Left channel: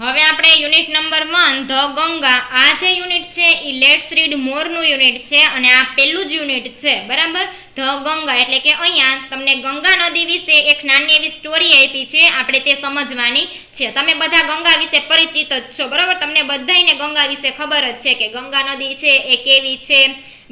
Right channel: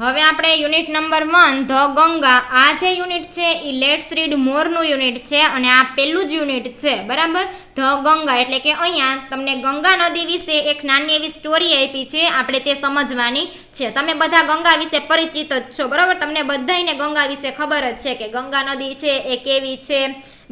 હવે આપણે unit number 1 the Ganga, આ જે યુનિટ છે એ લેટ્સ રીડ મોરનું યુનિટ છે અને આ પહેલું જ યુનિટ છે, બરાબર. ધ ગંગા એટલે કે અહીંયા તમને ગંગા નદી વિશે એક નાની એવી સ્ટોરી આપી છે, આપણે તે સમજવાની છે. તમે બધા ગંગા વિશે પરિચિત જ છો, બરાબર. તમને બધાયને ગંગા વિશે ખબર જ છે કે ગંગા નદી છે એ કેવી છે,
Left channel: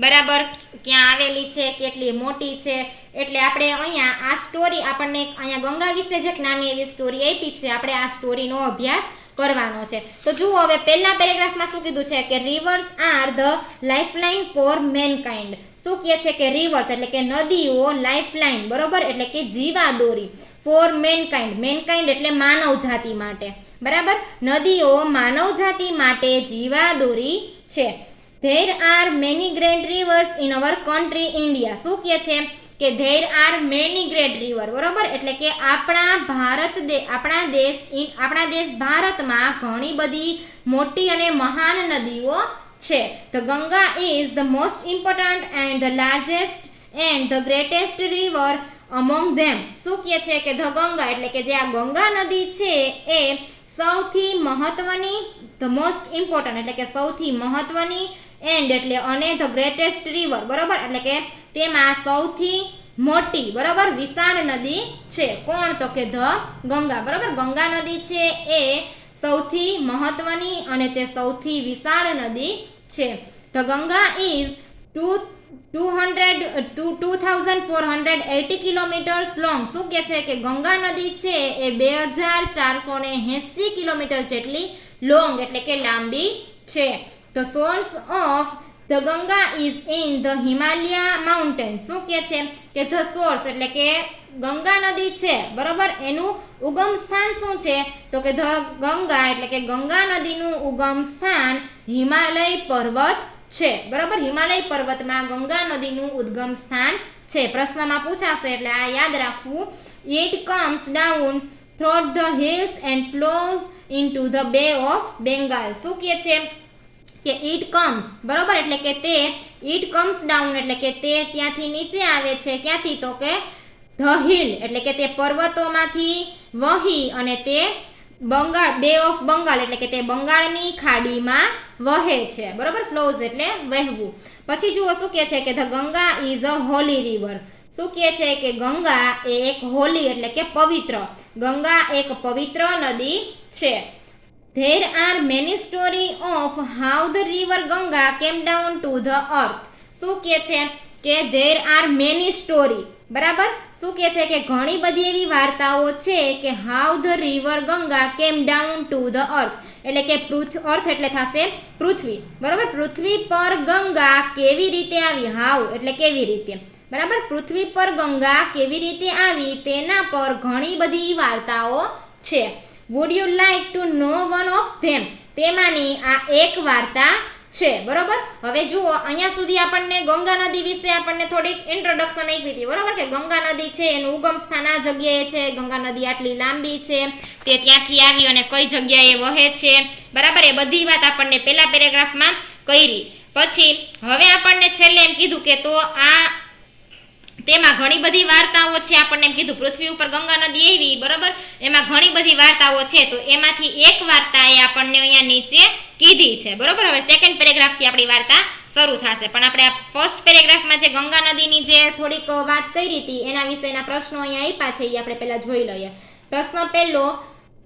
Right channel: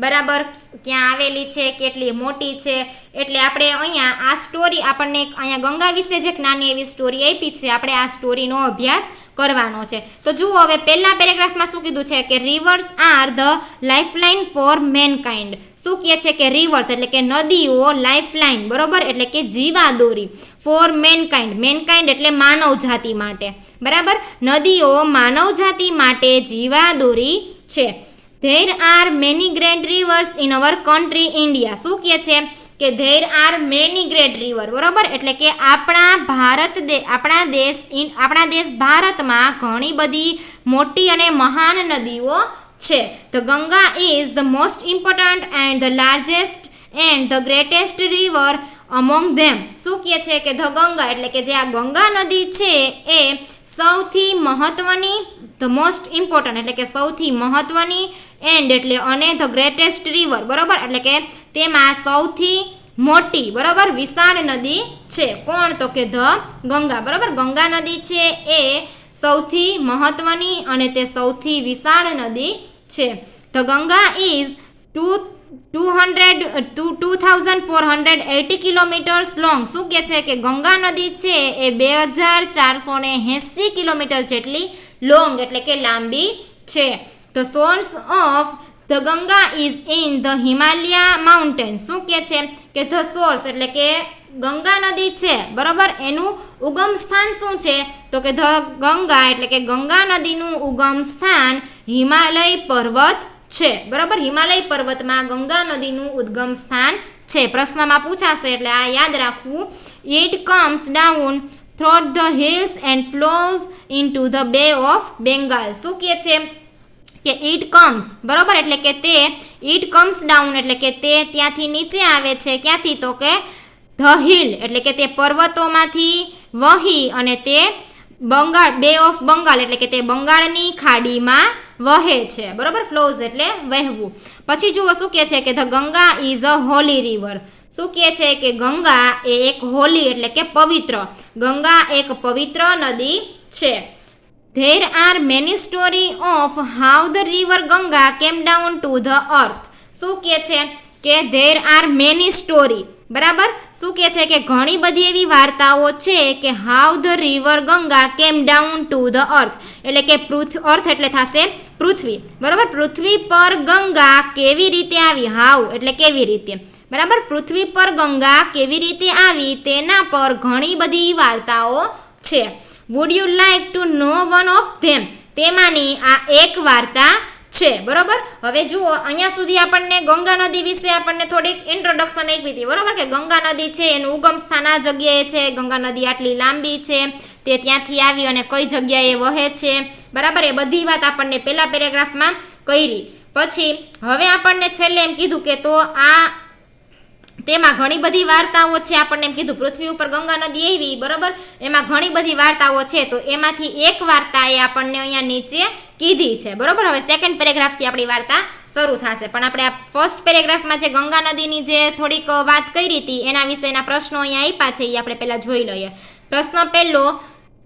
બરાબર, ક્યાં આવેલી છે, કેટલી મોટી છે. એટલે આપણે અહીંયા આ સ્ટોરી આપણને અહીંયા ગંગા વિશે જે એક નાની એવી સ્ટોરી આપી છે, આપણે આ સ્ટોરીનો અભ્યાસ કરવાનો છે. તો જુઓ, હવે પહેલા પેરેગ્રાફમાં શું કીધું છે કે rivers are the lifeline for mankind. શું કહે છે કે રિવર્સ એટલે કે નદીઓ, લાઇફલાઇન, બરોબર, એટલે કે જીવાદોરી, ફોર મેનકાઇન્ડ, મેનકાઇન્ડ એટલે માનવ જાતિ માટે, બરાબર. નદીઓ માનવ જાતિ માટે જીવાદોરી છે. There are many great reverse in our country India. શું કહે છે કે there are many great river, બરોબર, એટલે કે આપણા દેશ ભારતમાં ઘણી બધી મોટી અને મહાન નદીઓ છે. The Ganga is the most important and the largest and the greatest river among them. શું કહે છે કે ધ ગંગા એટલે કે જે આ ગંગા નદી છે એ સૌથી મહત્વની, ધ મોસ્ટ ઇમ્પોર્ટન્ટ એટલે કે સૌથી મહત્વની, એન્ડ એટલે અને ધ ગ્રેટેસ્ટ રિવર, બરોબર, એટલે કે તેમાં સૌથી મોટી, બરોબર, વિશાળ નદી છે. કોણ? તો કે ધ ગંગા, બરોબર. ગંગા નદી છે એ સૌથી મહત્વની અને તે સૌથી વિશાળ નદી છે. The Ganga is 2480 kilometres long. શું કહે છે કે ગંગા નદી છે એ 2480 કિલોમીટર જેટલી લોંગ એટલે કે લાંબી છે. The source of the Ganga is in the Himalaya mountains. શું કહે છે કે the source એટલે કે ગંગા નદી છે, બરોબર, એનું ઉગમ સ્થાન શું છે તો કે ધ ગંગા એટલે કે ગંગા નદીનું ઉગમ સ્થાન હિમાલય પર્વત છે, બરોબર. હિમાલય પર્વતમાં ગંગા નદીનું ઉદ્ગમ સ્થાન છે. પ્રશ્નમાં પૂછાશે એટલે આ યાદ રાખવું. It comes down through the hills and flows into the Bay of Bengal. શું કહે છે કે ઇટ કમ્સ, બરોબર, એટલે કે તે ઇટ કમ્સ ડાઉન એટલે કે તે ત્યાંથી નીચે આવે છે. ક્યાંથી? તો કે ધ હિલ એટલે કે તે પર્વતોમાંથી વહી અને તે બંગાળ, બે ઓફ બંગાળ એટલે કે તે બંગાળની ખાડીમાં વહે છે, બરોબર. ફ્લોઝ એટલે વહેવું. પછી જુઓ શું કહે છે કે the Ganga is a Holi river. શું કહે છે કે ગંગા એ એક હોલી એટલે કે પવિત્ર, ગંગા એક પવિત્ર નદી છે. There are many stories of how the river Ganga came down to the earth. શું કહે છે કે there are many stories, બરાબર. શું કહે છે કે ઘણી બધી એવી વાર્તાઓ છે કે how the river Ganga came down to the earth એટલે કે અર્થ એટલે થશે પૃથ્વી, બરાબર. પૃથ્વી પર ગંગા કેવી રીતે આવી, how એટલે કેવી રીતે, બરાબર. પૃથ્વી પર ગંગા કેવી રીતે આવી તેના પર ઘણી બધી વાર્તાઓ છે. Would you like to know one of them. તેમાંની આ એક વાર્તા છે, બરોબર. હવે જુઓ, અહીંયા સુધી આપણને ગંગા નદી વિશે આપણને થોડીક ઇન્ટ્રોડક્શન આપી હતી, બરોબર, કે ગંગા નદી છે એનું ઉગમ સ્થાન આ જગ્યાએ છે, ગંગા નદી આટલી લાંબી છે, તે ત્યાંથી આવી અને કઈ જગ્યાએ વહે છે, બરાબર. એ બધી વાત આપણને પહેલા પેરેગ્રાફમાં કરી. પછી હવે આપણને છેલ્લે એમ કીધું કે તો આ તેમાં ઘણી બધી વાર્તાઓ છે. આપણને એમ કીધું પૃથ્વી ઉપર ગંગા નદી આવી, બરોબર, એમાં ઘણી બધી વાર્તાઓ છે. તો એમાંથી એક વાર્તા એ આપણને અહીંયા નીચે કીધી છે, બરોબર. હવે સેકન્ડ પેરેગ્રાફથી આપણી વાર્તા શરૂ થશે, પણ આપણે આ ફર્સ્ટ પેરેગ્રાફમાં જે ગંગા નદીની જે થોડીક વાત કરી હતી એના વિશેના પ્રશ્નો અહીંયા આપ્યા છે, એ આપણે પહેલા જોઈ લઈએ. પ્રશ્ન પહેલો,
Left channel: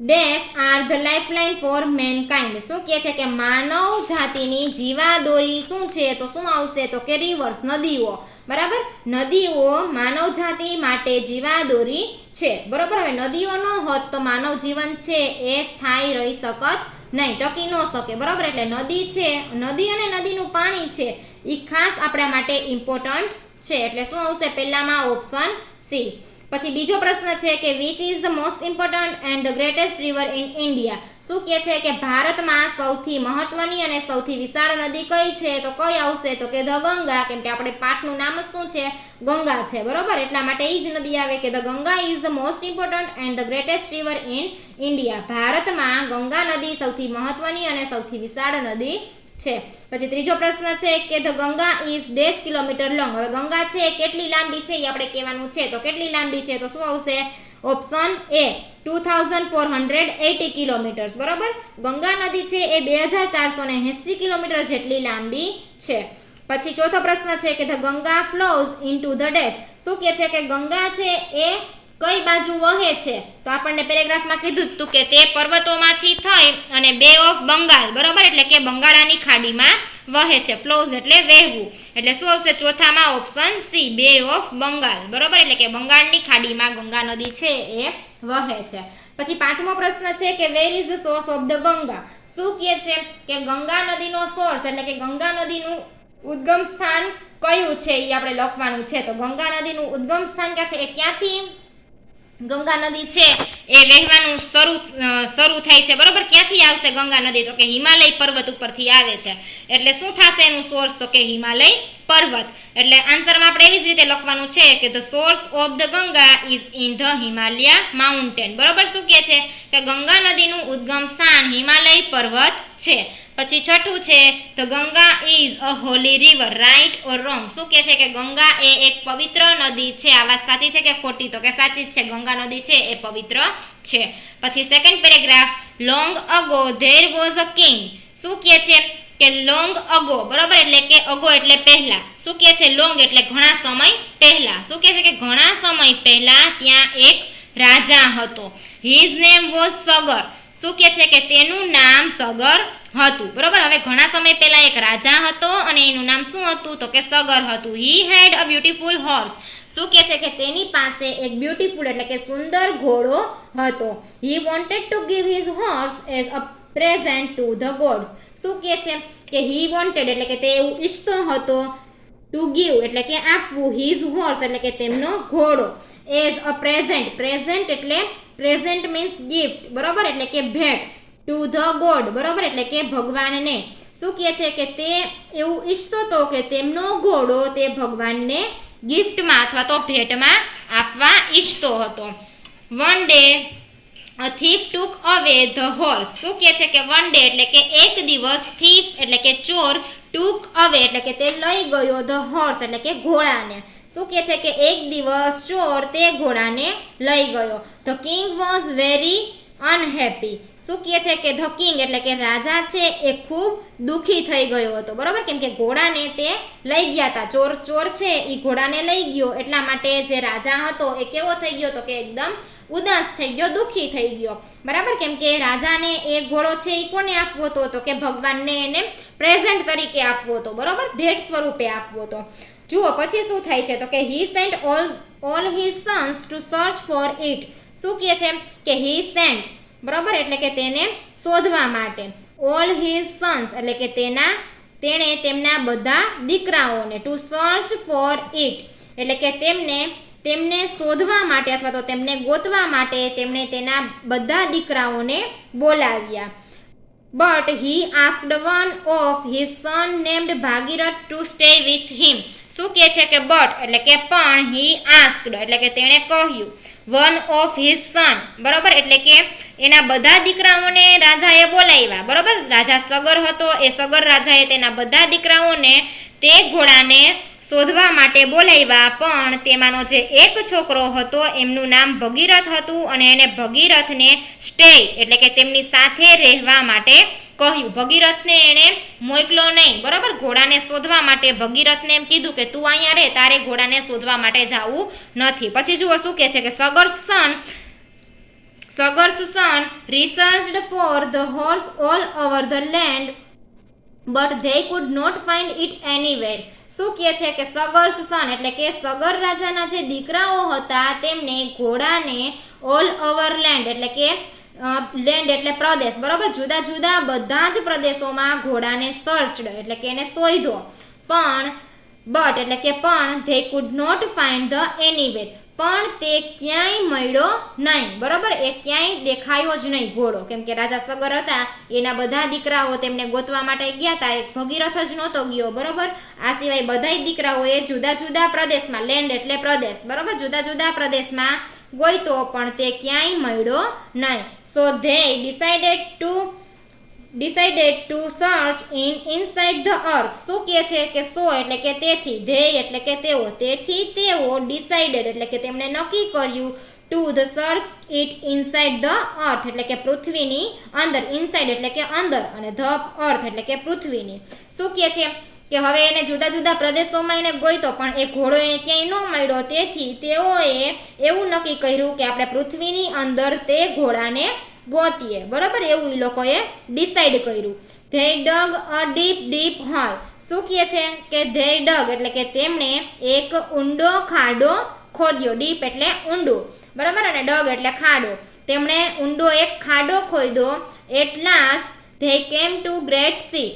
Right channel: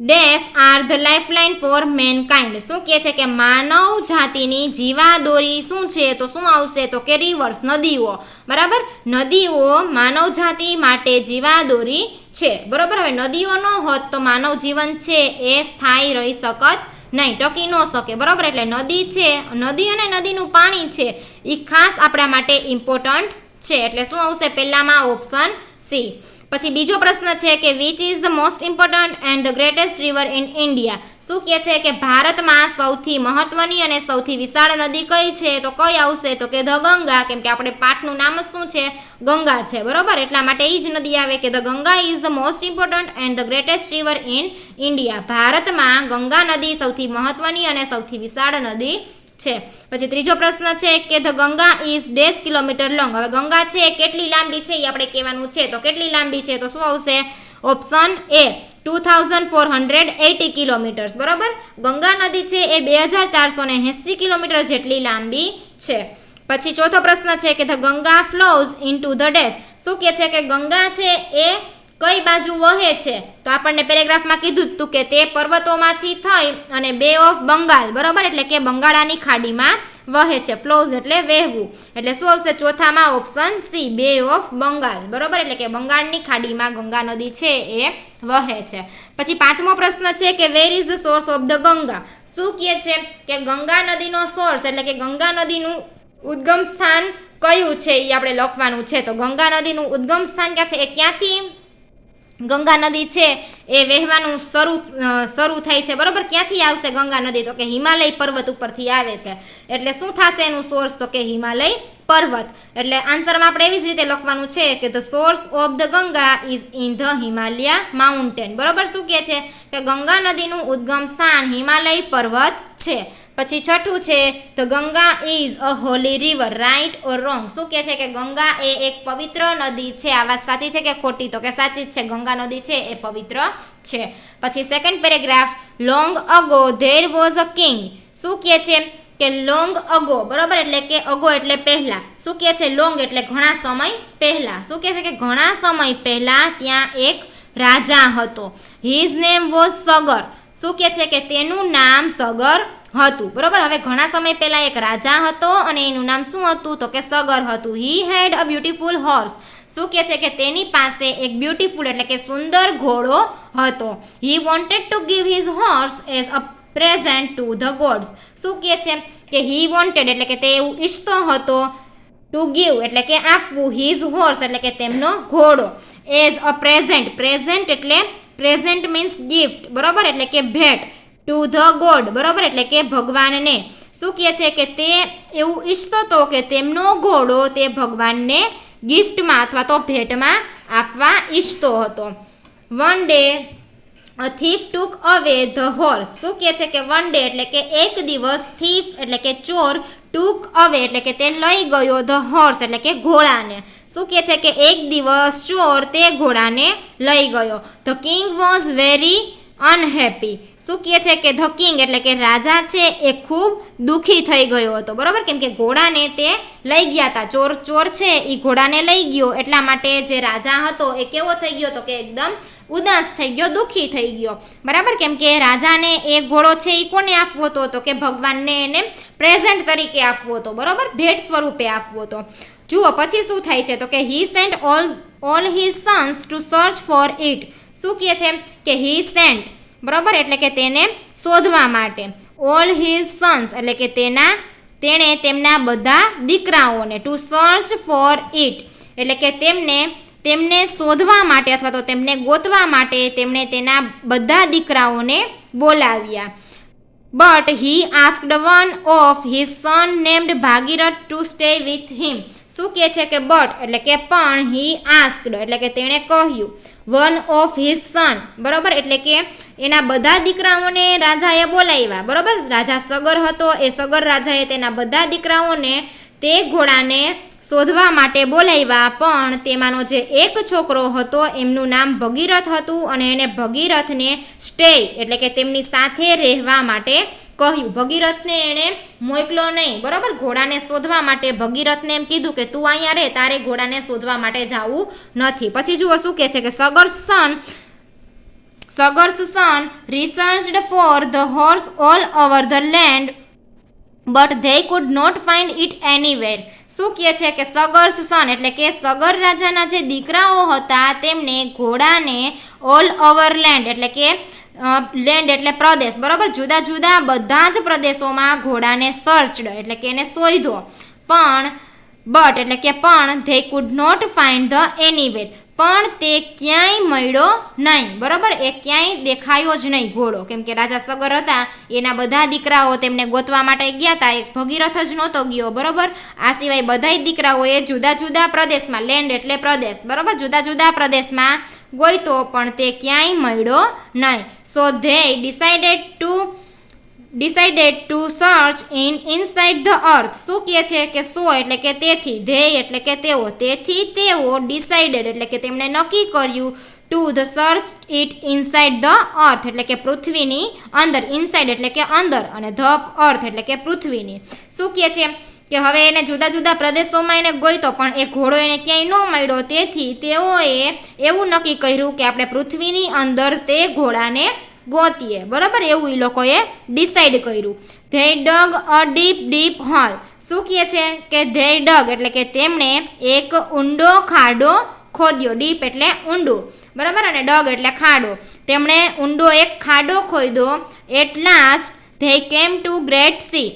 dash are the lifeline for mankind. શું કહે છે કે માનવ જાતિની જીવાદોરી શું છે, તો શું આવશે તો કે રિવર્સ, નદીઓ, બરાબર. નદીઓ માનવ જાતિ માટે જીવાદોરી છે, બરોબર. હવે નદીઓ ન હોત તો માનવ જીવન છે એ સ્થાયી રહી શકત નહીં, ટકી ન શકે, બરોબર. એટલે નદી છે, નદી અને નદીનું પાણી છે એ ખાસ આપણા માટે ઇમ્પોર્ટન્ટ છે. એટલે શું આવશે પહેલામાં? Option C. પછી બીજો પ્રશ્ન છે કે which is the most important and the greatest river in India. શું કહે છે કે ભારતમાં સૌથી મહત્વની અને સૌથી વિશાળ નદી કઈ છે, તો કઈ આવશે તો કે ધ ગંગા, કેમ કે આપણે પાઠનું નામ શું છે, ગંગા છે, બરોબર. એટલા માટે એ જ નદી આવે કે the Ganga is the most important and the greatest river in India. ભારતમાં ગંગા નદી સૌથી મહત્વની અને સૌથી વિશાળ નદી છે. પછી ત્રીજો પ્રશ્ન છે કે the Ganga is dash kilometre long. હવે ગંગા છે કેટલી લાંબી છે એ આપણે કહેવાનું છે, તો કેટલી લાંબી છે તો શું આવશે? ઓપ્શન એ 2480 કિલોમીટર્સ, બરોબર. ગંગા નદી છે એ 2480 કિલોમીટર જેટલી લાંબી છે. પછી ચોથો પ્રશ્ન છે કે the Ganga flows into the dash. શું કહે છે કે ગંગા છે એ કઈ બાજુ વહે છે? તો આપણને પેરેગ્રાફમાં કીધું હતું કે તે પર્વતોમાંથી થઈ અને બે ઓફ બંગાળ, બરોબર, એટલે કે બંગાળાની ખાડીમાં વહે છે. ફ્લોઝ એટલે વહેવું, એટલે શું આવશે ચોથામાં? ઓપ્શન સી, બે ઓફ બંગાળ, બરોબર, એટલે કે બંગાળની ખાડીમાં ગંગા નદી છે એ વહે છે. પછી પાંચમો પ્રશ્ન છે કે where is the source of the Ganga. શું કહે છે કે ગંગા નદીનો સોર્સ એટલે કે ગંગા નદીનું ઉદ્ગમ સ્થાન કયું છે એ આપણે લખવાનું છે. તો ગંગા નદીનું ઉદ્ગમ સ્થાન ક્યાં છે? એ ક્યાંથી ગંગા નદી છે એ વહેવાનું શરૂ થાય છે, બરોબર. ક્યાંથી આવશે ગંગા નદી? તો કે હિમાલય પર્વત ઉપરથી આવે છે. એટલે શું થશે એનું સોર્સ? તો કે હિમાલય પર્વત. એટલે આન્સરમાં આપણે એવી જ રીતે લખવાનું છે કે the source of the Ganga is in the Himalaya mountain, બરોબર. શું કહે છે કે ગંગા નદીનું ઉદ્ગમ સ્થાન હિમાલય પર્વત છે. પછી છઠ્ઠું છે the Ganga is a Holi river, right or wrong. શું કહે છે કે ગંગા એ એક પવિત્ર નદી છે. આ વાત સાચી છે કે ખોટી? તો કે સાચી જ છે, ગંગા નદી છે એ પવિત્ર છે. પછી second paragraph, long ago there was a king. શું કહે છે કે લોંગ અગો, બરોબર, એટલે કે અગો એટલે પહેલા. શું કહે છે? લોંગ એટલે ઘણા સમય પહેલા. શું કહે છે કે ઘણા સમય પહેલા ત્યાં એક રાજા હતો. His name was Sagar. શું કહે છે કે તેનું નામ સગર હતું, બરોબર. હવે ઘણા સમય પહેલા એક રાજા હતો અને એનું નામ શું હતું? તો કે સગર હતું. હી હેડ અ બ્યુટીફુલ હોર્સ. શું કહે છે કે તેની પાસે એક બ્યુટીફુલ એટલે કે સુંદર ઘોડો હતો. He wanted to give his horse as a present to the gods. શું કહે છે કે હી વોન્ટેડ એટલે કે તે એવું ઈચ્છતો હતો, ટુ ગીવ એટલે કે આપવું, હિઝ હોર્સ એટલે કે તેમનો ઘોડો, એઝ અ પ્રેઝન્ટ. પ્રેઝન્ટ એટલે પ્રેઝન્ટ મીન્સ ગિફ્ટ, બરોબર, એટલે કે ભેટ. ટુ ધ ગોડ, બરોબર, એટલે કે ભગવાનને. શું કહે છે કે તે એવું ઈચ્છતો હતો કે તેમનો ઘોડો તે ભગવાનને ગિફ્ટમાં અથવા તો ભેટમાં આપવા ઈચ્છતો હતો. વન ડે અ થીફ ટુક અવે ધ હોર્સ. શું કહે છે કે વન ડે એટલે કે એક દિવસ, થીફ એટલે કે ચોર, ટુક અવે એટલે કે તે લઈ ગયો, ધ હોર્સ એટલે કે ઘોડાને. શું કહે છે કે એક દિવસ ચોર તે ઘોડાને લઈ ગયો. The king was very unhappy. શું કહે છે કે ધ કિંગ એટલે કે રાજા છે એ ખૂબ દુઃખી થઈ ગયો હતો, બરોબર, કેમ કે ઘોડાને તે લઈ ગયા હતા. ચોર છે એ ઘોડાને લઈ ગયો, એટલા માટે જે રાજા હતો એ કેવો થઈ ગયો? તો કે એકદમ ઉદાસ થઈ ગયો, દુઃખી થઈ ગયો, બરાબર. કેમ કે રાજાને એ ઘોડો છે એ કોને આપવો હતો? તો કે ભગવાનને એને પ્રેઝન્ટ તરીકે આપવો હતો, બરોબર, ભેટ સ્વરૂપે આપવો હતો. જુઓ પછી શું થાય છે? તો કે he sent all his sons to search for it. શું કહે છે કે હી સેન્ટ, બરોબર, એટલે કે તેને શોધવા માટે. ઓલ હિઝ સન્સ એટલે કે તેણે તેમના બધા દીકરાઓને, ટુ સર્ચ ફોર ઇટ એટલે કે તેમને શોધવા માટે અથવા તો તેમને ગોતવા માટે તેમણે તેના બધા દીકરાઓને બોલાવ્યા. But he asked one of his son named Bhagirath to stay with him. શું કહે છે કે બટ એટલે કે પણ, હી આસ્ક્ડ એટલે કે તેણે કહ્યું, વન ઓફ હિઝ સન, બરોબર, એટલે કે એના બધા દીકરાઓને રાજાએ બોલાવ્યા, બરોબર. રાજા સગર હતો, એ સગર રાજાએ તેના બધા દીકરાઓને તે ઘોડાને શોધવા માટે બોલાવ્યા, પણ તેમાંનો જે એક છોકરો હતો એમનું નામ ભગીરથ હતું અને એને ભગીરથને સ્ટે એટલે કે તેમની સાથે રહેવા માટે કહ્યું. ભગીરથને એણે મોકલો નહીં, બરાબર. ઘોડાને શોધવા માટે ભગીરથને એમ કીધું કે તું અહીંયા રહે, તારે ઘોડાને શોધવા માટે જવું નથી. પછી જુઓ શું કહે છે કે સગર્સ સન researched for the horse all over the land but they could not find it anywhere. શું કહે છે કે સગર્સ સન એટલે કે સગર રાજાના જે દીકરાઓ હતા તેમને ઘોડાને ઓલ ઓવર લેન્ડ એટલે કે લેન્ડ એટલે પ્રદેશ, બરોબર, જુદા જુદા બધા જ પ્રદેશોમાં ઘોડાને સર્ચડ એટલે કે એને શોધ્યો, બટ એટલે કે પણ they could not find the anywhere પણ તે ક્યાંય મળ્યો નહીં, બરોબર. એ ક્યાંય દેખાયો જ નહીં ઘોડો, કેમ કે રાજા સગર હતા એના બધા દીકરાઓ તેમને ગોતવા માટે ગયા હતા, એક ભગીરથ જ નહોતો ગયો, બરોબર. આ સિવાય બધા દીકરાઓએ જુદા જુદા પ્રદેશમાં, લેન્ડ એટલે પ્રદેશ, બરોબર, જુદા જુદા પ્રદેશમાં ગોઈતો પણ તે ક્યાંય મળ્યો નહીં. So they decided to search inside the earth. શું કહે છે કે સો એટલે કે તેથી, ધે એટલે કે તેઓ, તેથી તેઓ ડિસાઇડેડ એટલે કે તેમણે નક્કી કર્યું to the search it inside the earth એટલે કે પૃથ્વીની અંદર, ઇનસાઇડ એટલે કે અંદર અને ધ અર્થ એટલે કે પૃથ્વીની. શું કહે છે કે હવે એને જુદા જુદા પ્રદેશોમાં એને ગોઈતો પણ એ ઘોડો એને ક્યાંય ન મળ્યો, તેથી તેઓએ એવું નક્કી કર્યું કે આપણે પૃથ્વીની અંદર તે ઘોડાને ગોતીએ. બરાબર, એવું એ લોકોએ ડિસાઈડ કર્યું. They dug a deep deep hole. શું કહે છે કે ધે ડગ એટલે કે તેમણે એક ઊંડો ખાડો ખોદ્યો. ડીપ એટલે ઊંડું, બરાબર, અને ડગ એટલે ખાડો. તેમણે ઊંડો એક ખાડો ખોદ્યો. At last they came to great sea.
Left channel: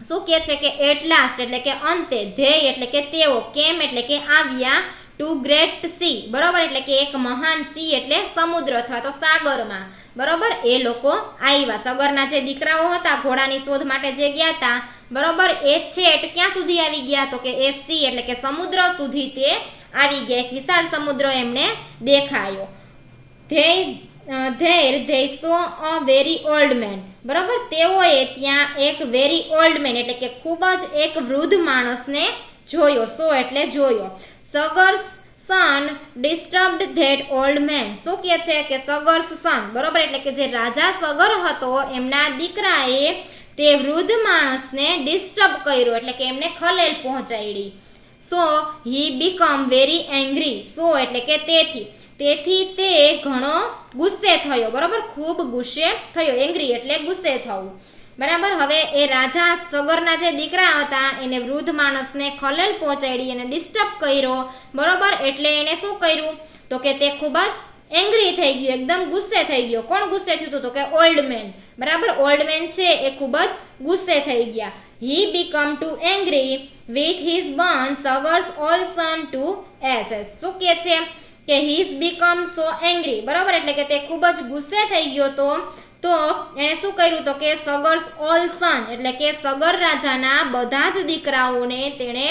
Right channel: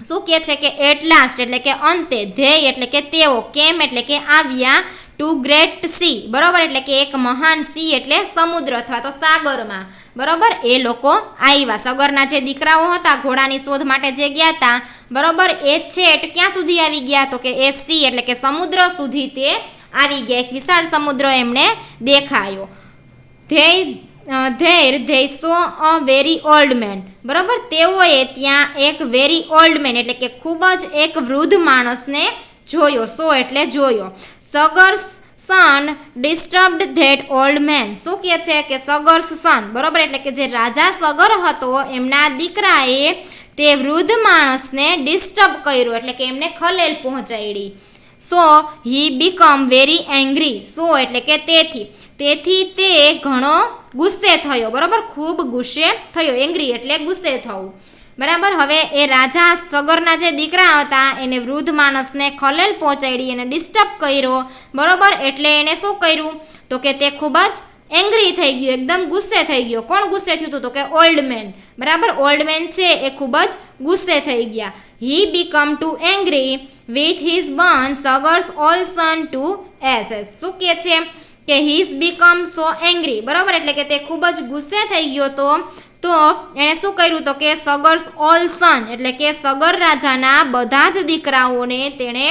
શું કહે છે કે એટ લાસ્ટ એટલે કે અંતે, ધ્યેય એટલે કે તેઓ, કેમ એટલે કે આવ્યા, ટુ ગ્રેટ સી, બરાબર, એટલે કે એક મહાન સી એટલે સમુદ્ર અથવા તો સાગરમાં. બરાબર, એ લોકો આવ્યા. સગરના જે દીકરાઓ હતા ઘોડાની શોધ માટે જે ગયા હતા, બરાબર, એ છેટ ક્યાં સુધી આવી ગયા તો કે એ સી એટલે કે સમુદ્ર સુધી તે આવી ગયા. એક વિશાળ સમુદ્ર એમને દેખાયો. They so a very old man. બરાબર, તેઓએ ત્યાં એક વેરી ઓલ્ડ મેન એટલે કે ખૂબ જ એક વૃદ્ધ માણસને જોયો. સો એટલે જોયો. સગર્સ સન ડિસ્ટર્બ્ડ ધેટ ઓલ્ડ મેન. શું કહે છે કે સગર્સ સન, બરાબર, એટલે કે જે રાજા સગર હતો એમના દીકરાએ તે વૃદ્ધ માણસને ડિસ્ટર્બ કર્યો એટલે કે એમને ખલેલ પહોંચાડી. સો હી બીકમ વેરી એંગ્રી. સો એટલે કે તેથી તે ઘણો ગુસ્સે થયો. બરાબર, ખૂબ ગુસ્સે થયો. એંગ્રી એટલે ગુસ્સે થવું. બરાબર, હવે એ રાજા સગરના જે દીકરા હતા એને વૃદ્ધ માણસને ખલેલ પહોંચાડી, એને ડિસ્ટર્બ કર્યો. બરાબર, એટલે એને શું કર્યું તો કે તે ખૂબ જ એંગ્રી થઈ ગયો, એકદમ ગુસ્સે થઈ ગયો. કોણ ગુસ્સે થયું હતું તો કે ઓલ્ડ મેન. બરાબર, ઓલ્ડ મેન છે એ ખૂબ જ ગુસ્સે થઈ ગયા. He became too angry with his burn Sagar's all son to ashes. શું કહે છે કે હીઝ બીકમ સો એંગ્રી. બરાબર, એટલે કે તે ખૂબ જ ગુસ્સે થઈ ગયો તો એણે શું કર્યું તો કે સગર્સ ઓલ સન એટલે કે સગર રાજાના બધા જ દીકરાઓને તેણે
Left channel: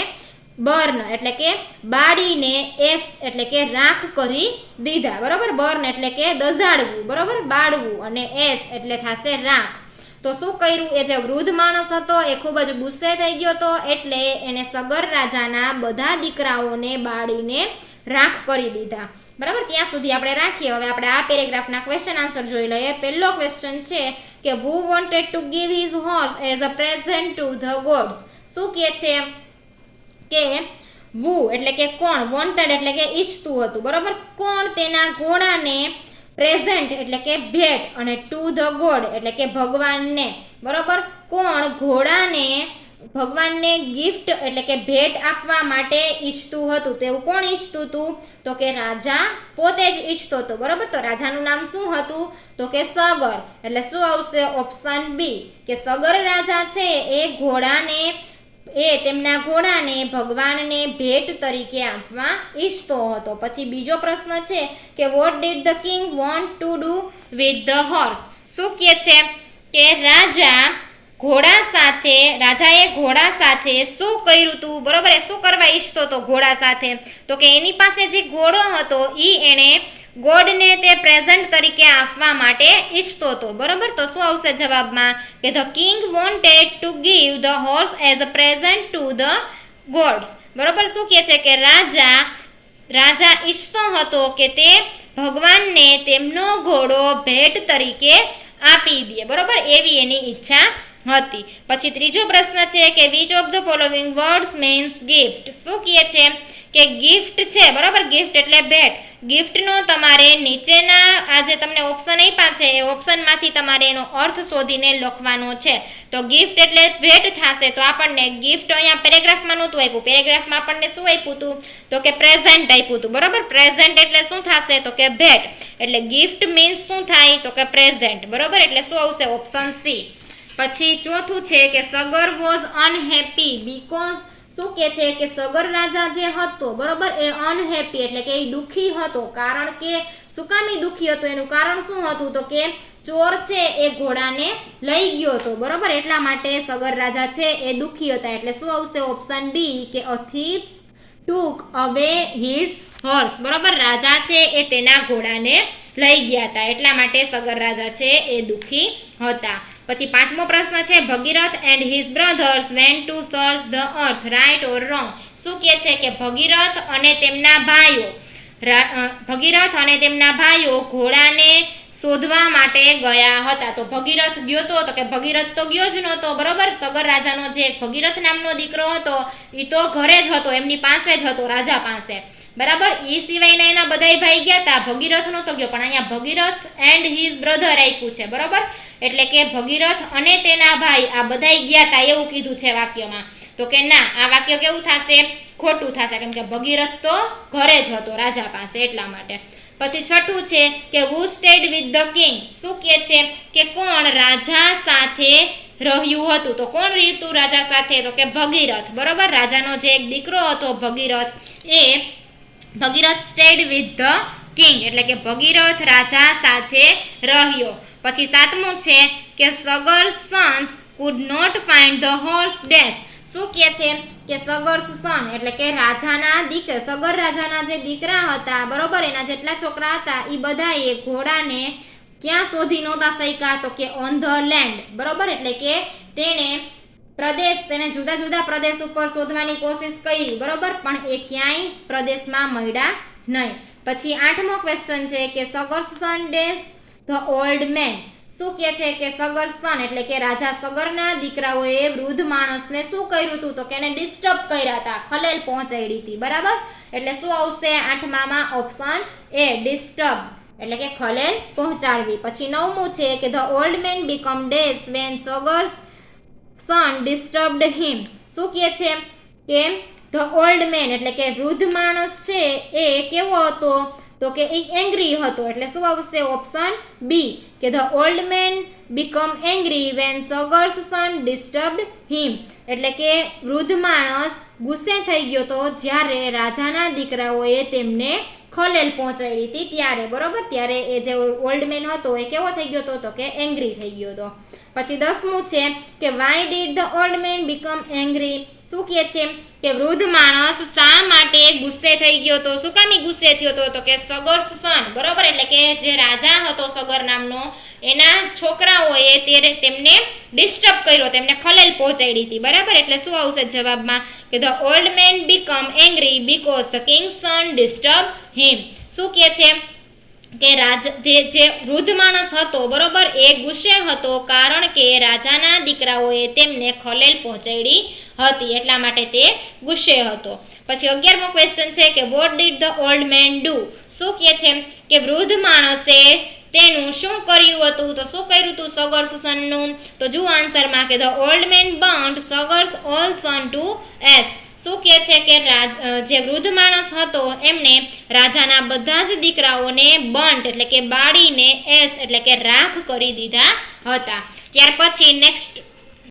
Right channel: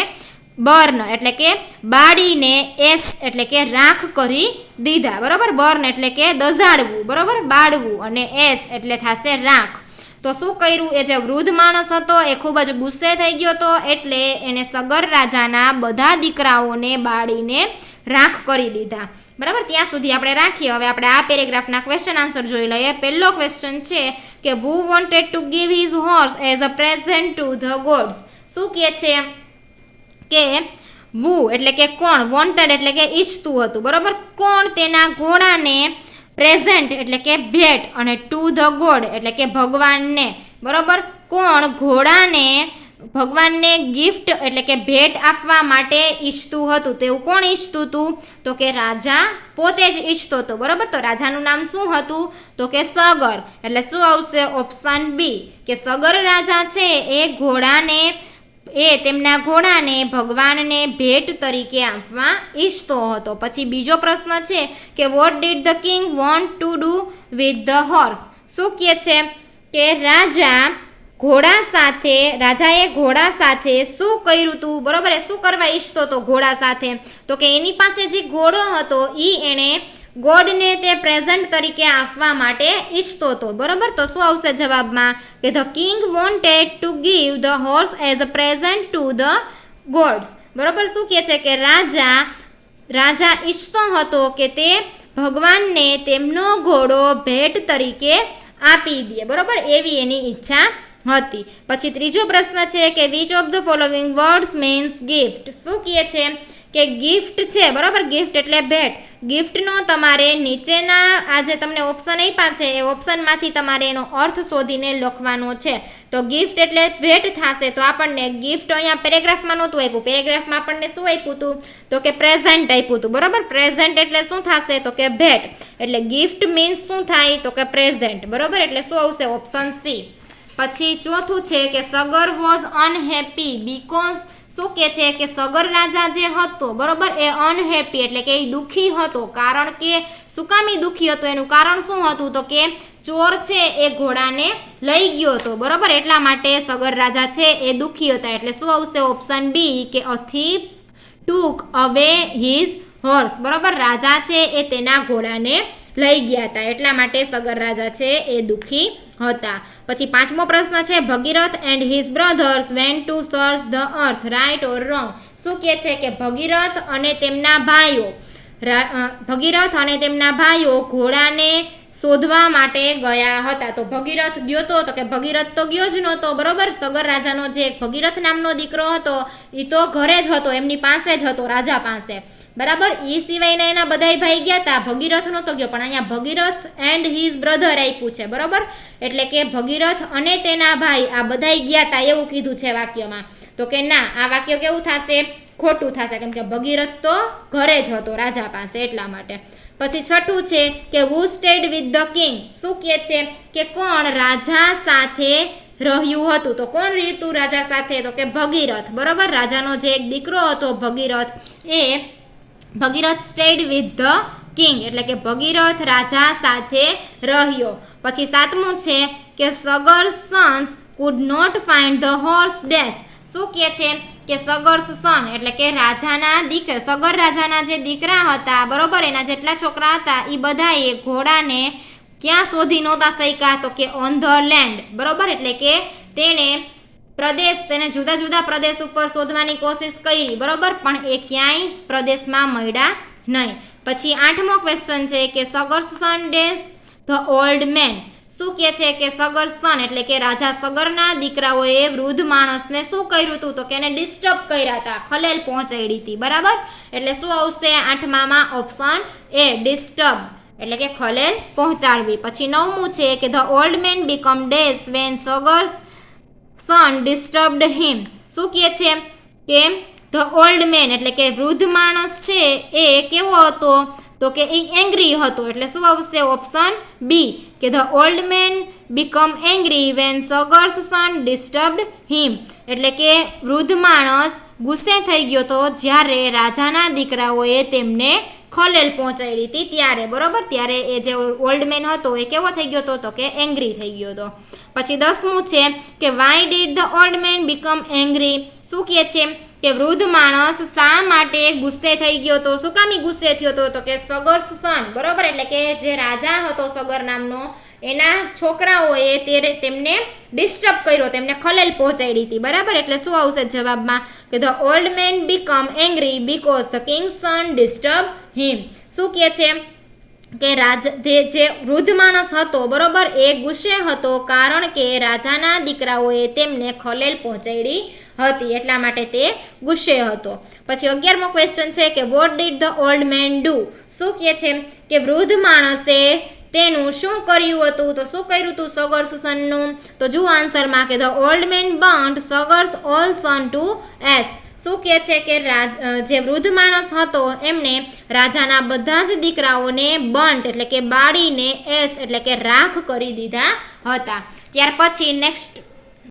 બર્ન એટલે કે બાળીને, એસ એટલે કે રાખ કરી દીધા. બરાબર, બર્ન એટલે કે દઝાડવું, બરાબર, બાળવું, અને એસ એટલે થશે રાખ. તો શું કર્યું, એ જે વૃદ્ધ માણસ હતો એ ખૂબ જ ગુસ્સે થઈ ગયો હતો એટલે એને સગર રાજાના બધા દીકરાઓને બાળીને રાખ કરી દીધા. બરાબર, ત્યાં સુધી આપણે રાખીએ. હવે આપણે આ પેરેગ્રાફના ક્વેશ્ચન આન્સર જોઈ લઈએ. પહેલો ક્વેશ્ચન છે કે who wanted to give his horse as a present to the gods. શું કહે છે કે who એટલે કે કોણ, wanted એટલે કે ઈચ્છતું હતું. બરાબર, કોણ તેના ઘોડાને પ્રેઝન્ટ એટલે કે ભેટ અને ટુ ધ ગોડ એટલે કે ભગવાનને. બરાબર, કોણ ઘોડાને ભગવાનને ગિફ્ટ એટલે કે ભેટ આપવા માટે ઈચ્છતું હતું. તેવું કોણ ઈચ્છતું હતું તો કે રાજા પોતે જ ઈચ્છતો હતો. બરાબર, તો રાજાનું નામ શું હતું તો કે સગર. એટલે શું આવશે ઓપ્શન બી કે સગર રાજા છે એ તેમના ઘોડાને ભગવાનને ભેટ તરીકે આપવા ઈચ્છતો હતો. પછી બીજો પ્રશ્ન છે કે what did the king want to do with the horse. શું કહે છે કે રાજાએ ઘોડા સાથે શું કર્યું હતું. બરોબર, એ શું કરવા ઈચ્છતો હતો ઘોડા સાથે તો કે એની પાસે જે ઘોડો હતો એણે ગોડને તે પ્રેઝન્ટ તરીકે આપવા માટે ઈચ્છતો હતો. બરોબર, તો શું આવશે જવાબમાં કે the king wanted to give the horse as a present to the gods. બરોબર, શું કહે છે કે રાજા ઈચ્છતો હતો કે તે ભગવાનને તેમનો ઘોડો ભેટ તરીકે આપી દે. બરોબર, એવી એની ઈચ્છા હતી. પછી ત્રીજો પ્રશ્ન છે કે which of the following words means gift. શું કહે છે કે ગિફ્ટ છે. બરાબર, ગિફ્ટ એટલે ભેટ. ગિફ્ટનો તમારે નીચેના આ જે તમને ઓપ્શન આપ્યા છે એ ઓપ્શનમાંથી તમારે એનો અર્થ શોધીને લખવાનો છે. તો ગિફ્ટ એટલે ભેટ થશે. તો આપણને ગિફ્ટ અહીંયા પેરેગ્રાફમાં નહોતું આપ્યું. પેરેગ્રાફમાં આપણને શું આપ્યું હતું તો કે પ્રેઝન્ટ આપ્યું હતું. બરાબર, પ્રેઝન્ટ એટલે શું થશે તો કે ભેટ. એટલે ગિફ્ટ મીન્સ શું થાય તો કે પ્રેઝન્ટ. બરાબર, એટલે શું આવશે ઓપ્શન સી. પછી ચોથું છે કે સગર વોઝ અનહેપી બીકોઝ. શું કે છે કે સગર રાજા જે હતો બરોબર એ અનહેપી એટલે કે એ દુઃખી હતો. કારણ કે શું કામ એ દુઃખી હતો એનું કારણ શું હતું તો કે ચોર છે એ ઘોડાને લઈ ગયો હતો. બરોબર, એટલા માટે સગર રાજા છે એ દુઃખી હતા. એટલે શું આવશે ઓપ્શન બી કે અ થીફ ટુક અવે હિઝ હોર્સ. બરોબર, રાજા છે એ તેના ઘોડાને લઈ ગયા હતા એટલા માટે સગર રાજા છે એ દુઃખી હતા. પછી પાંચમો પ્રશ્ન છે Bhagirath and his brothers went to search the earth right or wrong. શું કહે છે કે ભગીરથ અને તેમના ભાઈઓ ભગીરથ અને તેમના ભાઈઓ ઘોડાને શોધવા માટે ગયા હતા. તો ભગીરથ ગયો તો કે ભગીરથ તો ગયો જ નહોતો, બરોબર. સગર રાજાનો જે ભગીરથ નામનો દીકરો હતો એ તો ઘરે જ હતો, એમની પાસે જ હતો, રાજા પાસે, બરાબર. એ સિવાયના એના બધાય ભાઈ ગયા હતા, ભગીરથ નહોતો ગયો. પણ અહીંયા ભગીરથ એન્ડ હિઝ બ્રધર આપ્યું છે, બરોબર. એટલે કે ભગીરથ અને તેના ભાઈ આ બધાય ગયા હતા એવું કીધું છે વાક્યમાં. તો કે ના, આ વાક્ય કેવું થશે? ખોટું થશે, કેમ કે ભગીરથ તો ઘરે જ હતો રાજા પાસે, એટલા માટે. પછી છઠ્ઠું છે કે હુ સ્ટેડ વિથ ધ કિંગ. શું કહે છે કે કોણ રાજા સાથે રહ્યું હતું? તો કોણ રહ્યું હતું રાજા સાથે? તો કે ભગીરથ, બરોબર. રાજાનો જે એક દીકરો હતો ભગીરથ, એ ભગીરથ સ્ટેડ વિથ ધ કિંગ, એટલે કે ભગીરથ રાજા સાથે રહ્યો. પછી સાતમું છે કે Sagar sons could not find the horse dash. શું કહે છે કે સગર્સ સન એટલે કે રાજાના દીકરા, સગર રાજાના જે દીકરા હતા, બરોબર, એના જેટલા છોકરા હતા એ બધાએ ઘોડાને ક્યાં શોધી નહોતા શક્યા? તો કે ઓન ધ લેન્ડ, બરોબર. એટલે કે તેને જુદા જુદા પ્રદેશ ઉપર શોધવાની કોશિશ કરી, બરોબર, પણ એ ક્યાંય પ્રદેશમાં મળ્યા નહીં. પછી 8મો ક્વેશ્ચન છે કે સગર્સ સન ડેશ ધ ઓલ્ડ મેન. શું કહે છે કે સગર સન એટલે કે રાજા સગરના દીકરાઓએ વૃદ્ધ માણસને શું કર્યું હતું? તો કે એને ડિસ્ટર્બ કર્યા હતા, ખલેલ પહોંચાડી હતી, બરાબર. એટલે શું આવશે 8માં? ઓપ્શન એ, ડિસ્ટર્બ, એટલે કે ખલેલ પહોંચાડવી. પછી 9મું છે કે the old man become dash when Sagar's son disturbed him. શું કહે છે કે ધ ઓલ્ડ મેન એટલે કે વૃદ્ધ માણસ છે એ કેવો હતો? તો કે એ એંગ્રી હતો. એટલે શું આવશે? ઓપ્શન બી, કે the old man become angry when Sagar's son disturbed him. એટલે કે વૃદ્ધ માણસ ગુસ્સે થઈ ગયો તો જ્યારે રાજાના દીકરાઓએ તેમને ખલેલ પહોંચાડી હતી ત્યારે, બરોબર. ત્યારે એ જે ઓલ્ડ મેન હતો એ કેવો થઈ ગયો હતો? તો કે એંગ્રી થઈ ગયો હતો. પછી 10મું છે કે why did the old man become angry. શું કહે છે કે વૃદ્ધ માણસ શા માટે ગુસ્સે થઈ ગયો હતો? શું કામ ગુસ્સે થયો હતો? તો કે સગર્સ સન, બરોબર. એટલે કે જે રાજા હતો સગર નામનો, એના છોકરાઓએ તેમને ડિસ્ટર્બ કર્યો, તેમને ખલેલ પહોંચાડી હતી, બરાબર. એટલે શું આવશે જવાબમાં? કે the old man become angry because the king's son disturb him. શું કહે છે કે જે વૃદ્ધ માણસ હતો, બરોબર, એ ગુસ્સે હતો કારણ કે રાજાના દીકરાઓએ તેમને ખલેલ પહોંચાડી હતી, એટલા માટે તે ગુસ્સે હતો. પછી 11મો ક્વેશ્ચન છે કે what did the old main do. શું કહે છે કે વૃદ્ધ માણસે તેનું શું કર્યું હતું? તો શું કર્યું હતું સગર્સ સનનું? તો જુઓ આન્સરમાં કે the old man burnt Sagar's all son to ash. શું કહે છે કે જે વૃદ્ધ માણસ હતો એમને રાજાના બધા જ દીકરાઓને બર્ન્ટ એટલે કે બાળીને એશ એટલે કે રાખ કરી દીધા હતા. ત્યાર પછી નેક્સ્ટ